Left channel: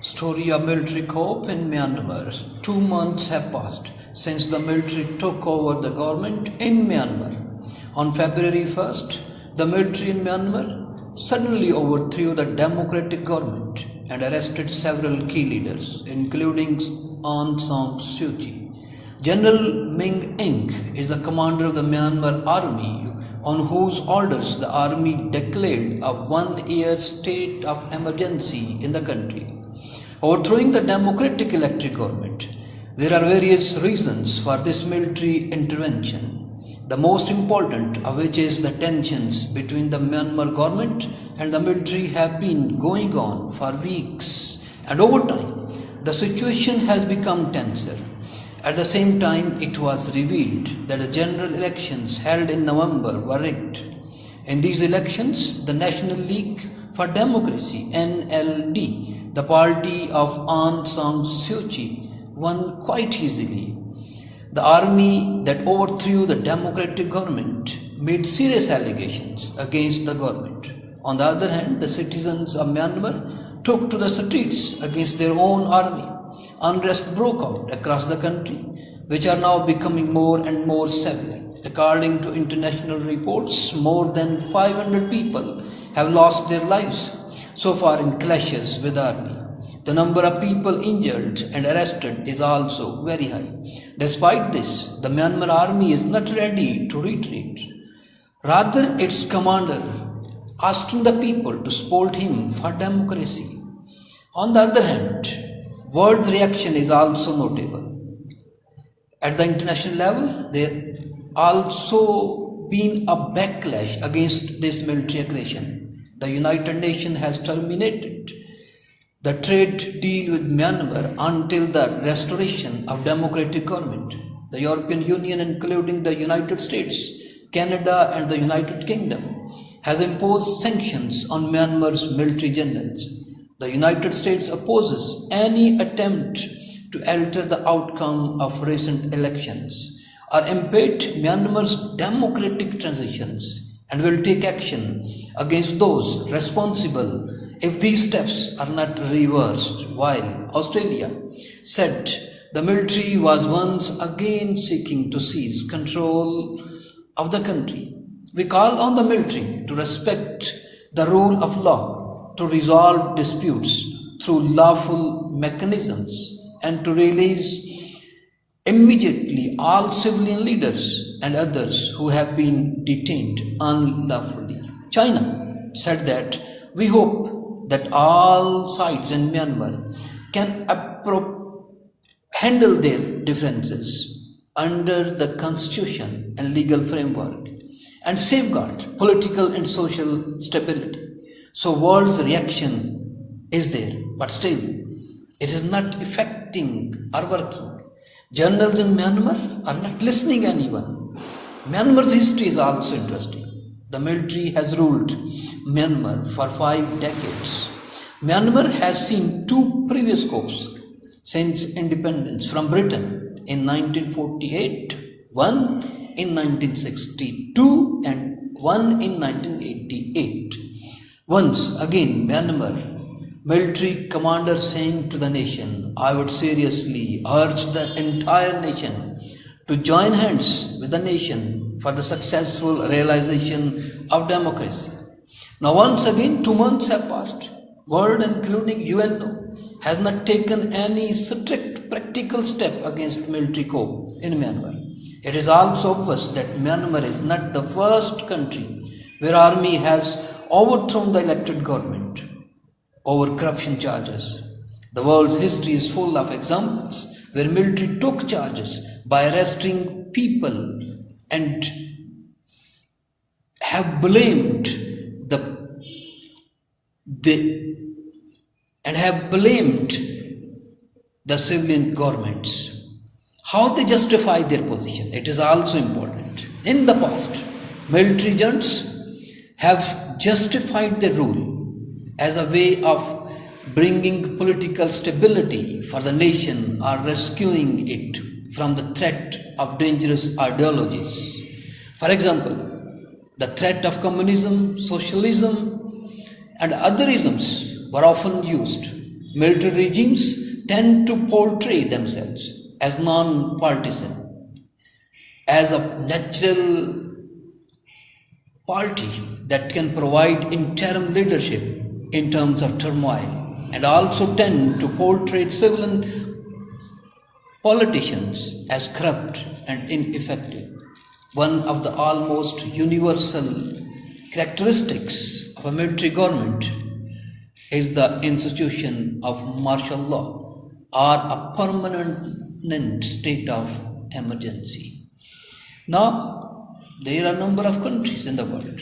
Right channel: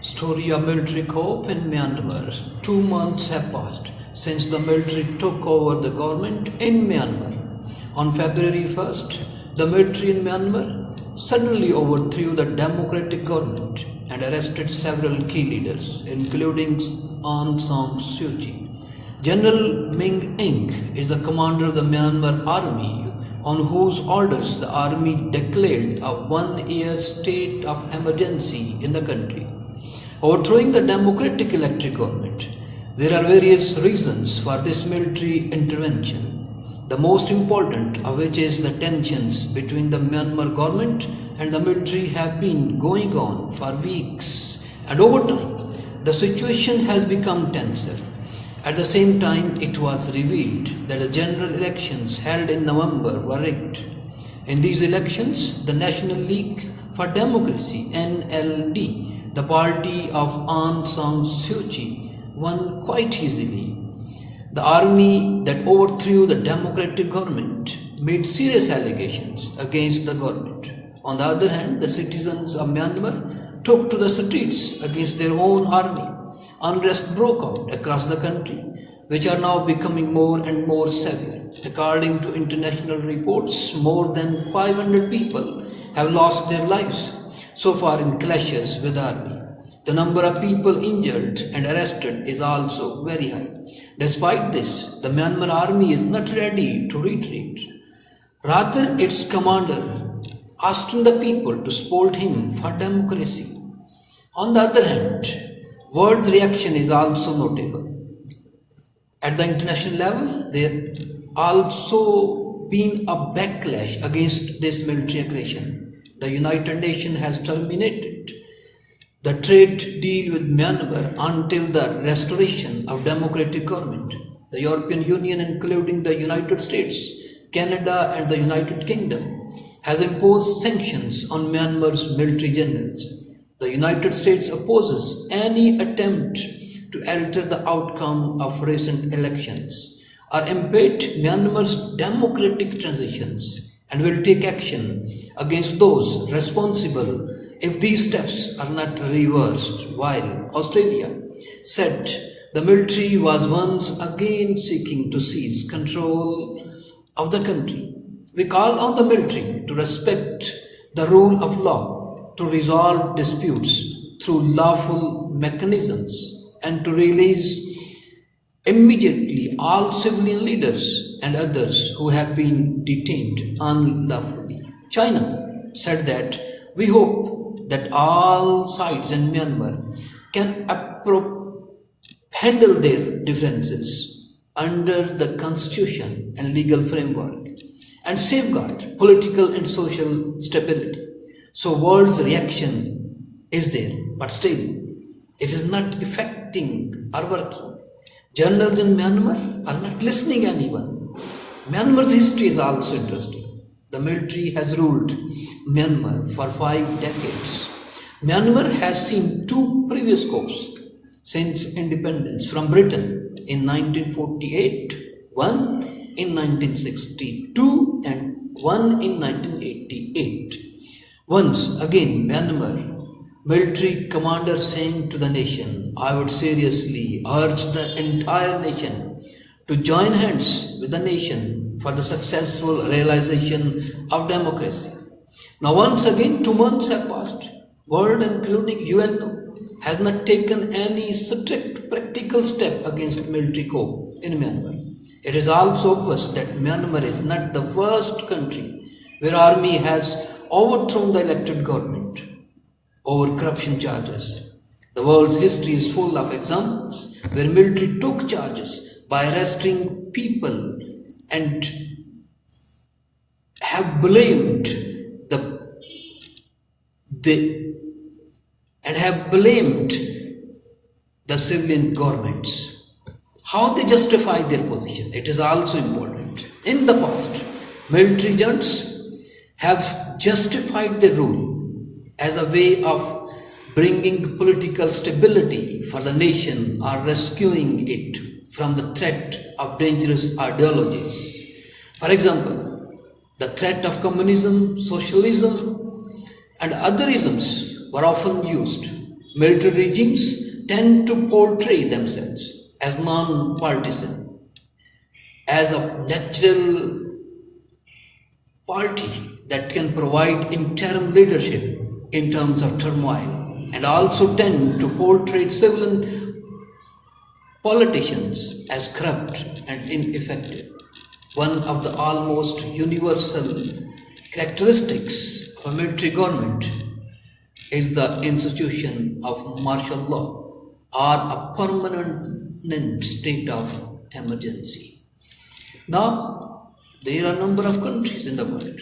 Story of military coup in Myanmar. 2 months have passed since the military took over the government in Myanmar. On February 1st, the military in Myanmar suddenly overthrew the democratic government and arrested several key leaders, including Aung San Suu. General Ming Ing is the commander of the Myanmar army, on whose orders the army declared a 1-year state of emergency in the country. Overthrowing the democratic elected government. There are various reasons for this military intervention, the most important of which is the tensions between the Myanmar government and the military have been going on for weeks, and over time the situation has become tenser. At the same time, it was revealed that the general elections held in November were rigged. In these elections, the National League for Democracy (NLD), the party of Aung San Suu, won quite easily. The army that overthrew the democratic government made serious allegations against the government. On the other hand, the citizens of Myanmar took to the streets against their own army. Unrest broke out across the country, which are now becoming more and more severe. According to international reports, more than 500 people have lost their lives so far in clashes with the army. The number of people injured and arrested is also very high. Despite this, the Myanmar army is not ready to retreat. Rather, its commander asking the people to support him for democracy. On the other hand, world's reaction is also notable. At the international level, there also been a backlash against this military aggression. The United Nations has terminated the trade deal with Myanmar until the restoration of democratic government. The European Union, including the United States, Canada and the United Kingdom, has imposed sanctions on Myanmar's military generals. The United States opposes any attempt to alter the outcome of recent elections or impede Myanmar's democratic transitions, and will take action against those responsible if these steps are not reversed. While Australia said the military was once again seeking to seize control of the country, we call on the military to respect the rule of law, to resolve disputes through lawful mechanisms, and to release immediately all civilian leaders and others who have been detained unlawfully. China said that we hope that all sides in Myanmar can handle their differences under the constitution and legal framework and safeguard political and social stability. So world's reaction is there, but still it is not affecting or working. Journals in Myanmar are not listening to anyone. Myanmar's history is also interesting. The military has ruled Myanmar for 5 decades. Myanmar has seen 2 previous coups since independence from Britain in 1948, one in 1962 and one in 1988. Once again, Myanmar military commander saying to the nation, I would seriously urge the entire nation to join hands with the nation for the successful realization of democracy. Now once again, 2 months have passed. World, including UN, has not taken any strict practical step against military coup in Myanmar. It is also obvious that Myanmar is not the first country where army has overthrown the elected government over corruption charges. The world's history is full of examples where military took charges by arresting people and have blamed the civilian governments. How they justify their position, it is also important. In the past, military junts have justified their rule as a way of bringing political stability for the nation or rescuing it from the threat of dangerous ideologies. For example, the threat of communism, socialism, and other isms were often used Military regimes tend to portray themselves as non-partisan, as a natural party that can provide interim leadership in terms of turmoil, and also tend to portray civilian politicians as corrupt and ineffective. One of the almost universal characteristics of a military government is the institution of martial law or a permanent state of emergency. Now, there are a number of countries in the world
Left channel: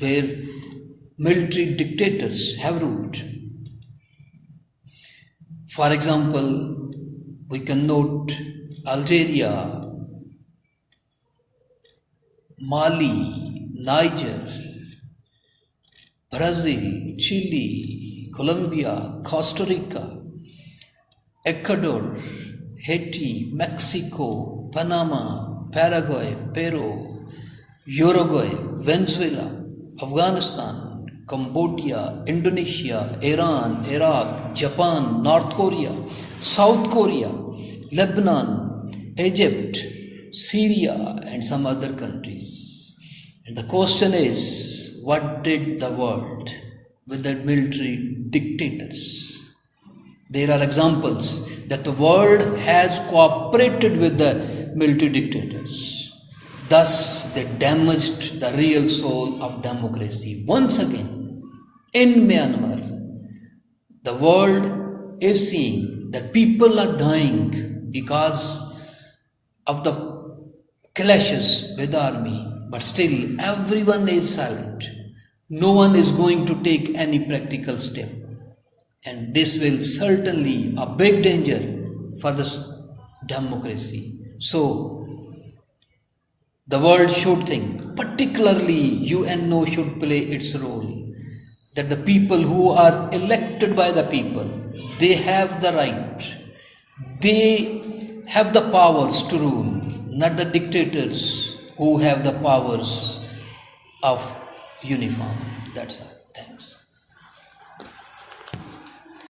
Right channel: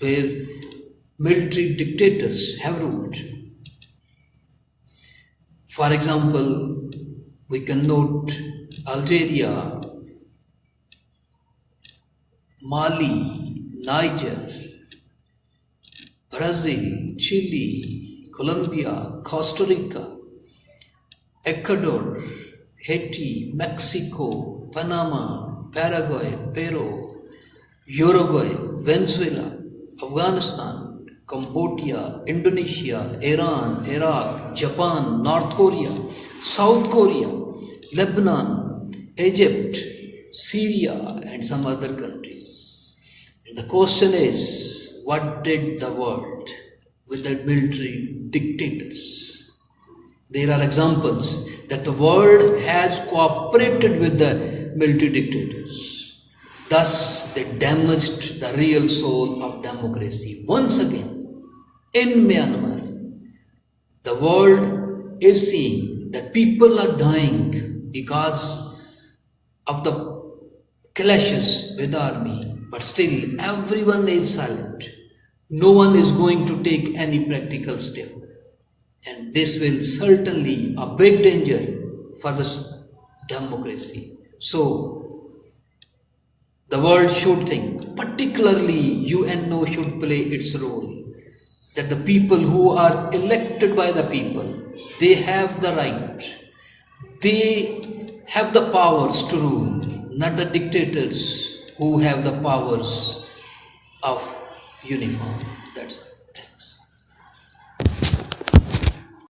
where military dictators have ruled. For example, we can note Algeria, Mali, Niger, Brazil, Chile, Colombia, Costa Rica, Ecuador, Haiti, Mexico, Panama, Paraguay, Peru, Uruguay, Venezuela, Afghanistan, Cambodia, Indonesia, Iran, Iraq, Japan, North Korea, South Korea, Lebanon, Egypt, Syria, and some other countries. And the question is, what did the world with the military dictators? There are examples that the world has cooperated with the military dictators. Thus, they damaged the real soul of democracy. Once again, in Myanmar, the world is seeing that people are dying because of the clashes with the army, but still everyone is silent. No one is going to take any practical step. And this will certainly a big danger for this democracy. So, the world should think, particularly UNO should play its role, that the people who are elected by the people, they have the right, they have the powers to rule, not the dictators who have the powers of uniform. That's all.